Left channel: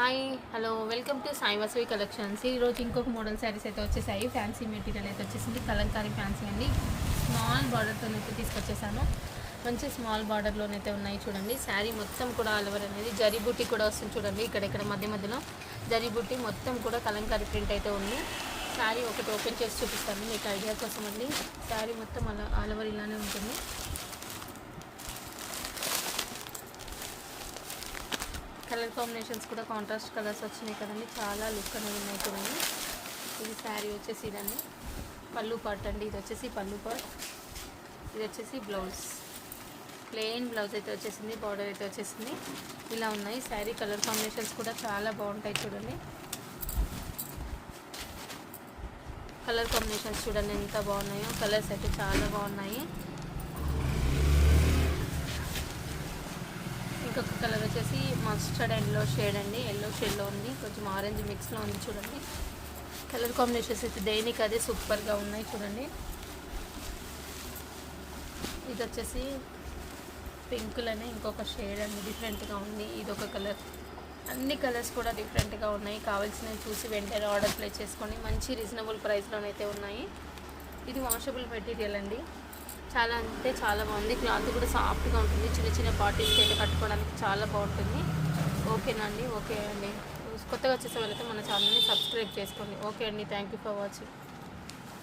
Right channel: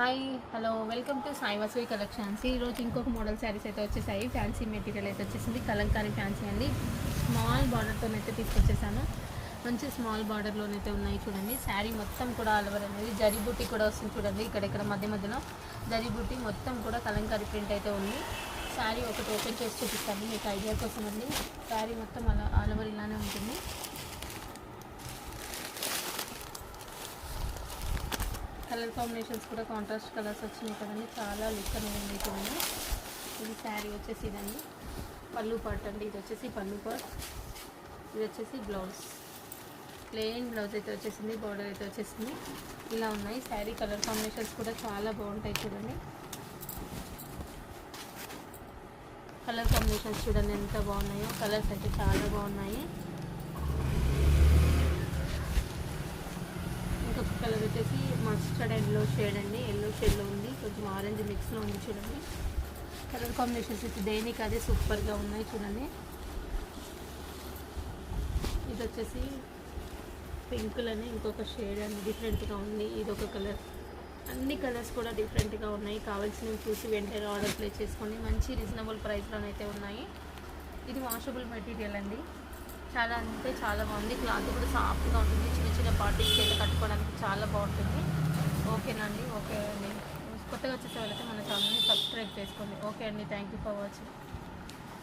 Hi hello welcome to Sai Vasavi collections. ఈరోజు ఇంకొక model saris అయితే వచ్చేసాయి. ఫ్యాన్సీ మెటీరియల్ అయితే వచ్చేసింది. కలంకారీ ఫ్యాన్సీ అండి. స్మాల్ బార్డర్తో అయితే తీసుకొచ్చేసాను. మంచి స్మాల్ బార్డర్లోనైతే ఉన్నాయి చూడండి. శారీ మొత్తం కూడా ఆల్ ఓవర్ అనేది జరీ బుట్టి కూడా వస్తుంది చూడండి. ఇక్కడ మధ్యలో జరీ బుట్టి మొత్తం కూడా కలంకారీ ప్రింట్ అయితే ఉంది. శారీ ఒకటి ఓపెన్ చేసి చూపిస్తాను మీకు ఐడియా కోసం అండి. శారీ మొత్తం అలా ఆల్ ఓవర్ ఇలానే ఉంటుంది. కలర్ కాంబినేషన్స్ కూడా కాంట్రాస్ట్ కలర్స్ వచ్చినాయి కదండి. చాలా లుక్ అనేది ఉన్నాయి చూడండి. ఇది శారీ వచ్చేసి ఇదండి పళ్ళు పార్ట్ అండి. ఇది వచ్చేసి పళ్ళు పార్ట్, ఇది వచ్చేసి బ్లౌజ్. ప్లెయిన్ బ్లౌజ్ అయితే వచ్చేసింది. బార్డర్ అయితే వచ్చేసింది. ఇలా ఉన్నాయి శారీ కలర్ కాంబినేషన్స్ కూడా చాలా బాగుంటాయి చూడండి. కలర్ కాంబినేషన్స్ చూడండి ఎంత బాగున్నాయో. కలర్స్ అయితే చాలా బాగున్నాయి. ఇంకొక కలర్ వచ్చేసి మస్టర్డ్ ఎల్లో షేడ్ అండి. ఎల్లో షేడ్లో ఉంది, కొంచెం ఆరెంజ్ మిక్స్లో ఉంది చూడండి. కలర్ కాంబినేషన్స్ అయితే దేనికి అదే సూపర్గా ఉన్నాయి చూడండి. ఇది వచ్చేసి పింక్లోనే ఇంకొక షేడ్ అండి, డిఫరెంట్గా ఉంది. ఇది ఒక కలర్. అన్ని కలర్స్ కూడా డిఫరెంట్గా ఉన్నాయి. కావాల్సినవి చూసి వెంటనే ఆర్డర్ ప్లేస్ చేసుకొని మంచి రీజనబుల్ ప్రైస్లోనైతే ఉన్నాయి. ఇది వాషబుల్ మెటీరియల్ అండి. చాలా అంటే చాలా బాగుంది. క్లాత్ కూడా సాఫ్ట్గా ఉంటుంది. చిన్న పార్టీస్కి అయితే కట్టుకోవడానికి చాలా బాగుంటుంది. ఓకేనా అండి? ఓకే అండి. కొత్తగా వచ్చేసే వాళ్ళైతే మన ఛానల్ని సబ్స్క్రైబ్ చేసుకోండి. ఓకే అండి, థ్యాంక్ యూ ఫర్ వాచింగ్.